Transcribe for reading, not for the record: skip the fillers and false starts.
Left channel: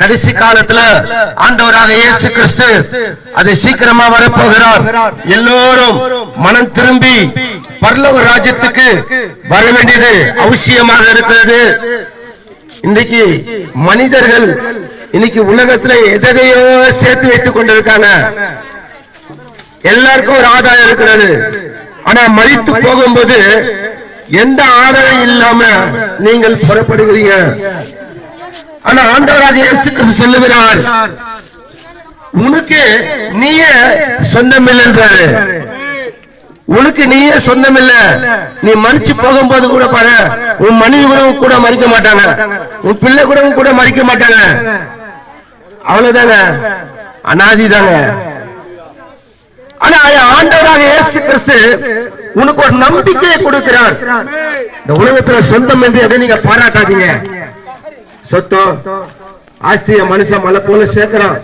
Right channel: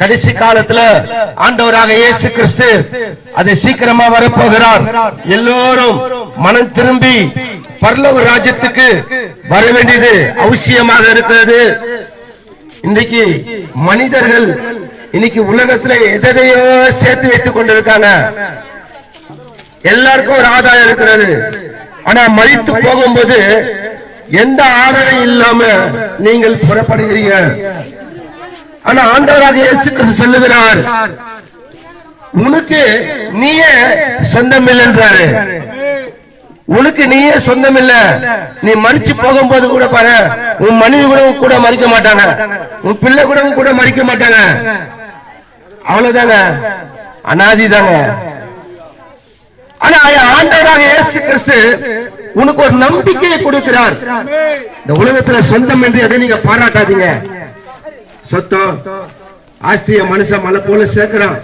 கடைசி காலத்துல ஆண்டவராக இயேசு கிறிஸ்து அதை சீக்கிரமா வரப்போகிறார். எல்லோரும் மனம் திரும்பி பரலோக ராஜ்யத்துக்கு வர வேண்டியது அவசியமாக இருக்கிறது. இன்னைக்கு மனிதர்கள் இன்னைக்கு உலகத்துல எதையோ சேர்த்து வைத்துக் கொண்டிருக்காங்க. எல்லாருக்கும் ஒரு ஆதாயம் இருக்கிறது. ஆனா மரித்து போகும்போது எந்த ஆதாயம் இல்லாம நீங்கள் புறப்படுகிறீங்க. ஆனா ஆண்டவராக இயேசு கிறிஸ்து சொல்லுகிறார், உனக்கு நீயே சொந்தம் இல்லை என்றாரு. உனக்கு நீயே சொந்தம் இல்ல. நீ மறிச்சு போகும்போது கூட பாரு, உன் மனைவி கூட மறிக்க மாட்டாங்க, உன் பிள்ளை கூட மறிக்க மாட்டாங்க. அவ்வளவுதாங்க, அனாதிதாங்க. ஆனா ஆண்டவராக இயேசு கிறிஸ்து உனக்கு ஒரு நம்பிக்கையை கொடுக்கிறார். இந்த உலகத்துல சொந்தம் என்று எதை நீங்க பாராட்டாதீங்க. சொத்தோ ஆஸ்திய மனுஷன் மலை போல சேர்க்கிறான்.